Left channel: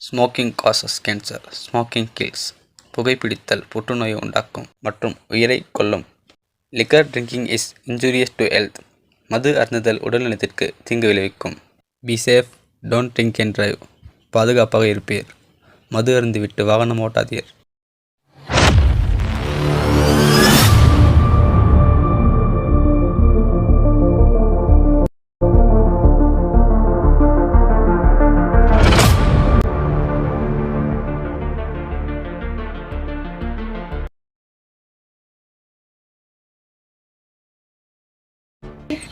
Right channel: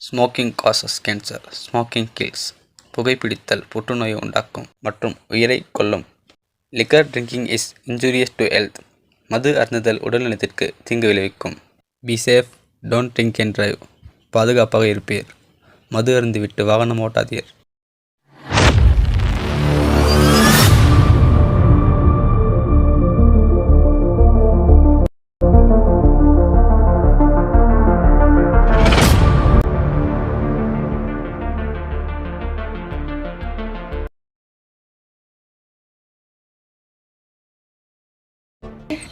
Smoking causes cancer. Smoking kills. புகைப்பிடித்தல் புற்றுநோயை உண்டாக்கும் மற்றும் உயிரைக் கொல்லும். Liquor drinking is injurious to health. மது அருந்துதல் உடல்நலத்திற்கு தீங்கு விளைவிக்கும். Be safe, don't drink and drive. பாதுகாப்பாக இருப்பீர். மது அருந்திவிட்டு வாகனம் ஓட்டாதீர்.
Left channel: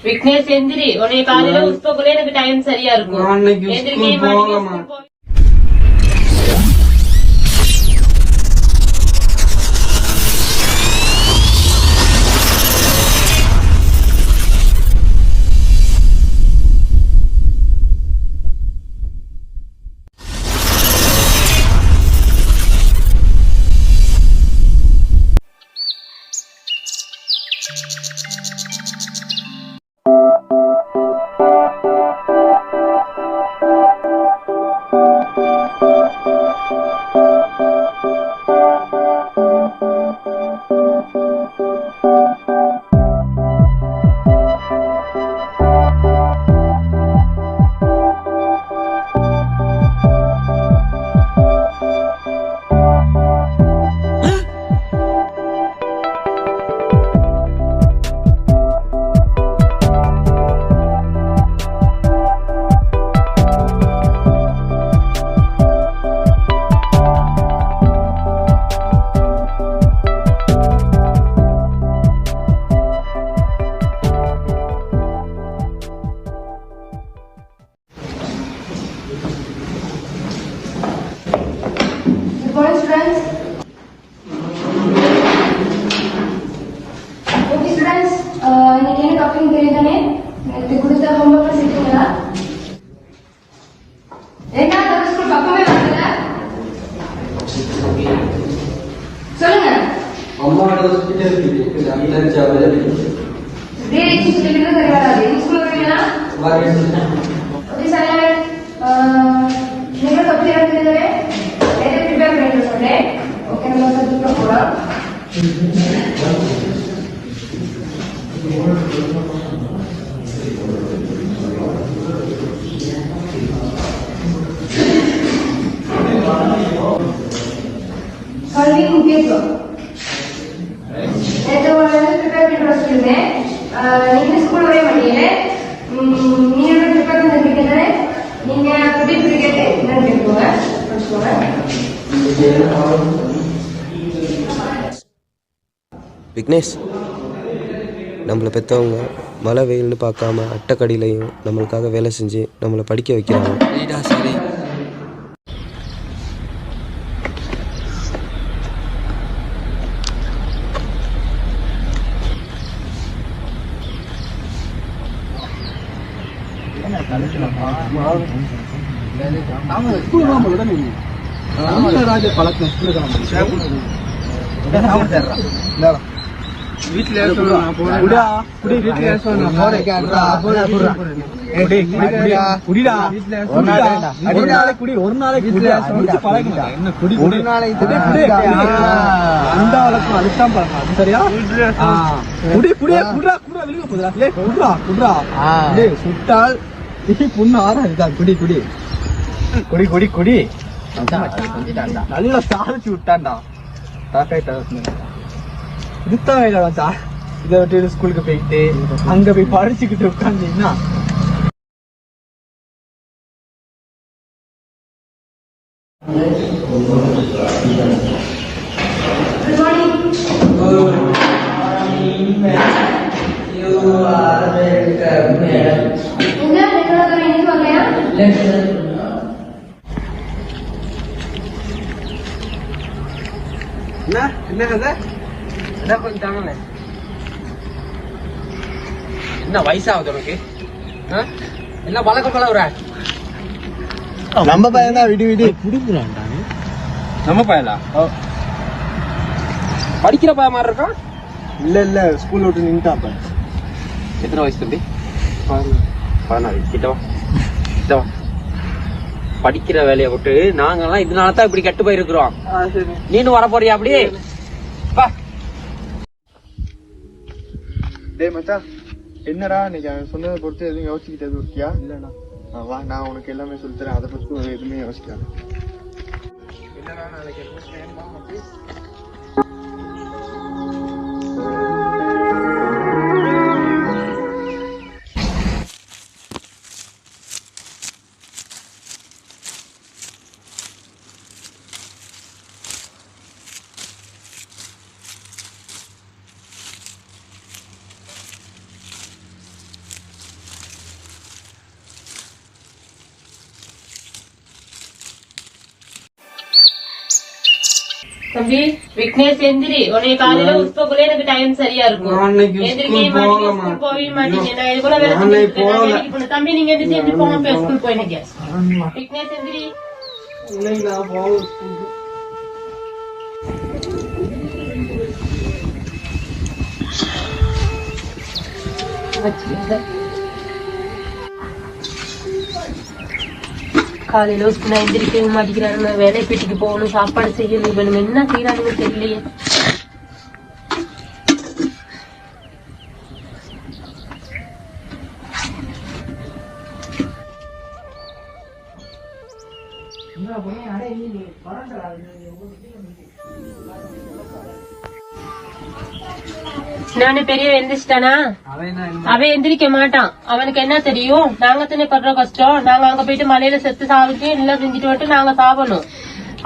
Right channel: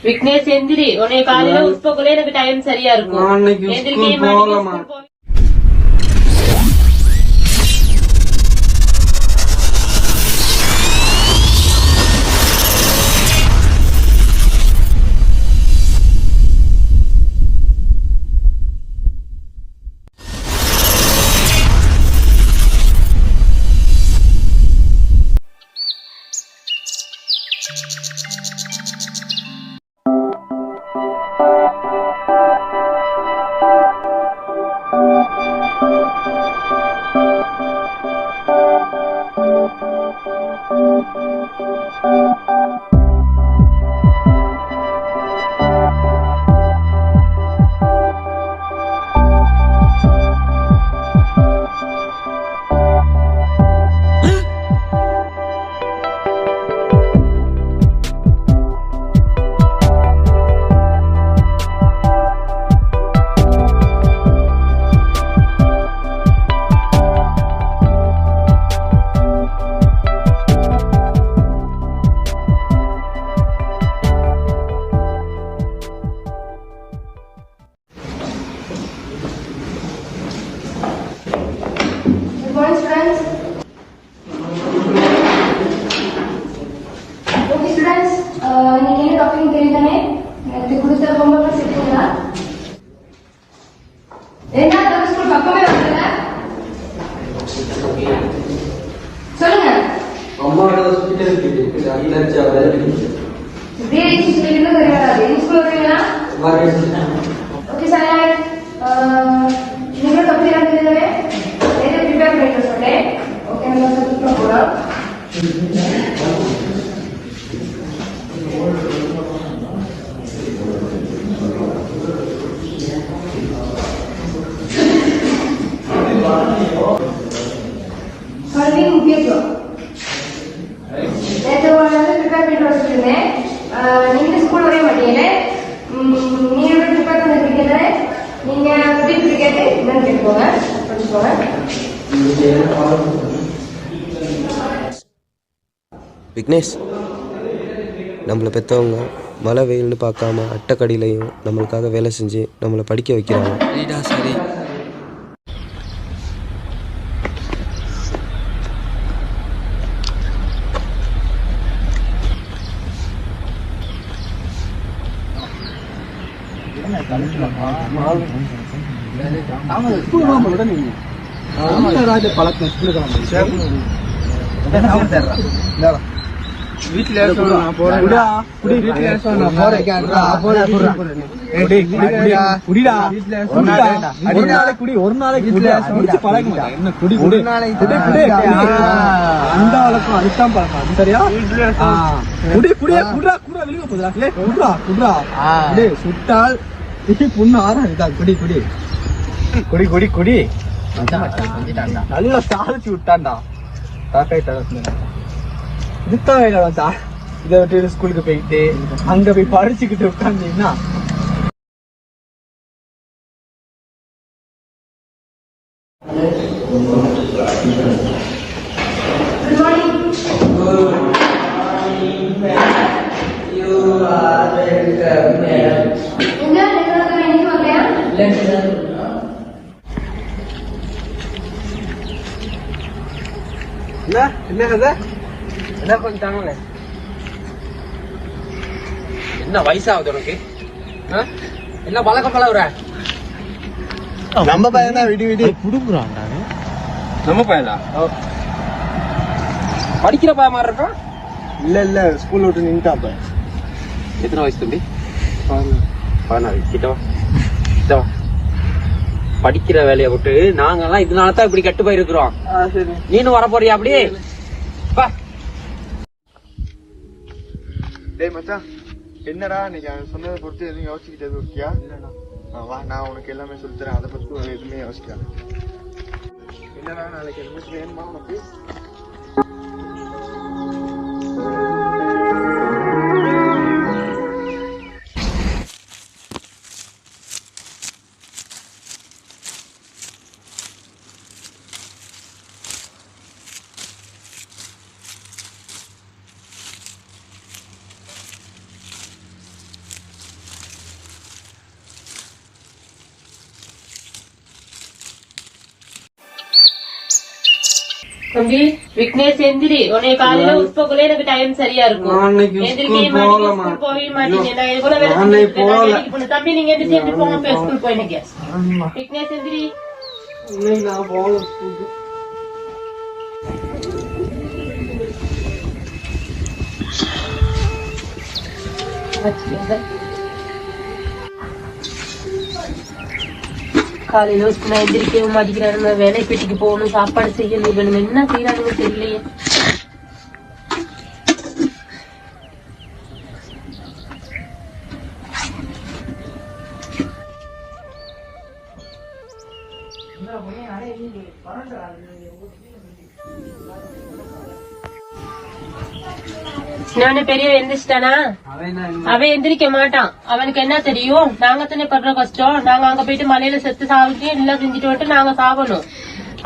விக்னேஷ் எந்திரி, உன்னை காலையில உட்போக்குள்ளே எனக்கு டைம் சரியா இருக்கும். ஸ்கூல் வரைய மாட்டீங்க. விக்னேஷ், நம்மளை பெற்றவங்க மழை வெயில்னு பார்க்காம அட்டைக்கடியிலையும் நம்மளுக்காக வேலை செஞ்சு நம்மளை படிக்க வைக்கிறாங்க. சரி. நல்லா சாதிச்சு விட்டான்டா. இதை விட்டு ஸ்கூலுக்கு போயிட்டு அங்க போய் படிச்சுக்கிட்டு உட்காந்தீங்கன்னா என்ன வயசாகுது உனக்கு? என்ன பழக்கம் பழகுற? நம்ம பையன் தான் விடு விடு குடுக்குறான். நம்ம பையனா? படிக்கிற பையன் மாதிரி இருக்கான். இல்ல ஸ்கூல் விட்டு நின்ட்டாப்ப. எத்தனை வயசு தம்பி? 14. கிட்ட வா. படிக்கிற வேலையை விட்டு நாங்கெல்லாம் இதனாலதான் இப்படி கெட்டு போயிருக்கிறோம். நீனும் வர போறியா அப்படி? டேய் மச்சான், என்னடா நீங்க சொன்னதை பொறுத்து எதுவும் யோசிக்கிட்டது இருக்கியா? இல்லடா. வா, நான் உனக்கு எல்லாமே சொல்லித்தரேன். அதை பத்தி ஒரு எதுவுமே யோசிக்காது. என்னடா நாளைக்கு எதுவும் வேணுமா அப்படி? தம்பி விக்னேஷ் எந்திரி, உன்னை காலையில உட்பக்குள்ள எனக்கு டைம் சரியா இருக்கும். எந்திரிக்கவே மாட்டீங்க, ஸ்கூல் போகவே மாட்டீங்க. நான் இவ்வளவு வேலை செஞ்சுட்டு தம்பி நீங்க எந்திரிச்சு எந்திரி போங்க, ஸ்கூல் போயினுங்க. விக்னேஷ் எந்திரி. காலையில நான் எந்திரிக்கவே மாட்டேங்கிறாங்க. வேலை வீட்டுக்கு போகணும், சாப்பாடு செய்யணும், வேணும், என்ன செய்யறாங்க தெரியலையே. சின்னவனே பெரிய எந்திரிச்சிட்டானா? அவன் எந்திரிக்க மாட்டான். அவனுக்கு என்ன தெரியும்? நாங்க தானே படுற கஷ்டம். நாங்க அங்க போயிட்டு மலையில செத்து சாவிட்டு எல்லாம் செஞ்சுட்டு வந்துட்டு நாங்க சாவணும்.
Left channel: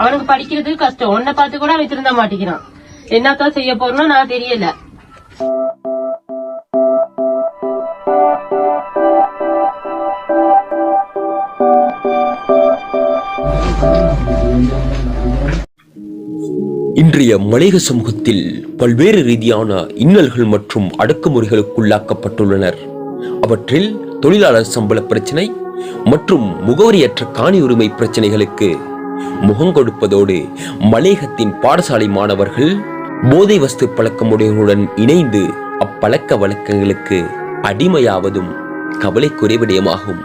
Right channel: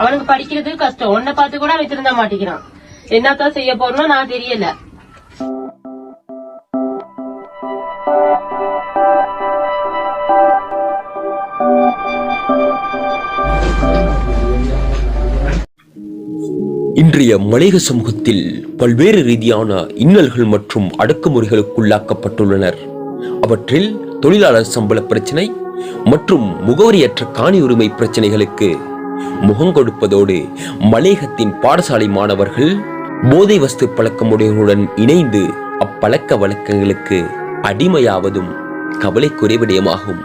அவனுக்கு படிக்கிறது கஷ்டம். உன்னை பார்த்து கூட அவன் திருந்த மாட்டேங்கிறான். என்னத்தான் செய்ய போறோம் நான் தெரியல. இன்றைய மலையக சமூகத்தில் பல்வேறு ரீதியான இன்னல்கள் மற்றும் அடக்குமுறைகளுக்குள்ளாக்கப்பட்டுள்ளனர். அவற்றில் தொழிலாளர் சம்பள பிரச்சினை மற்றும் முகவரியற்ற காணி உரிமை பிரச்சனைகளுக்கு முகம் கொடுப்பதோடு மலையகத்தின் பாடசாலை மாணவர்கள் போதை வஸ்து பழக்கமுடையவர்களுடன் இணைந்து அப்பழக்க வழக்கங்களுக்கு அடிமையாவதும் கவலைக்குரிய விடயமாகும்.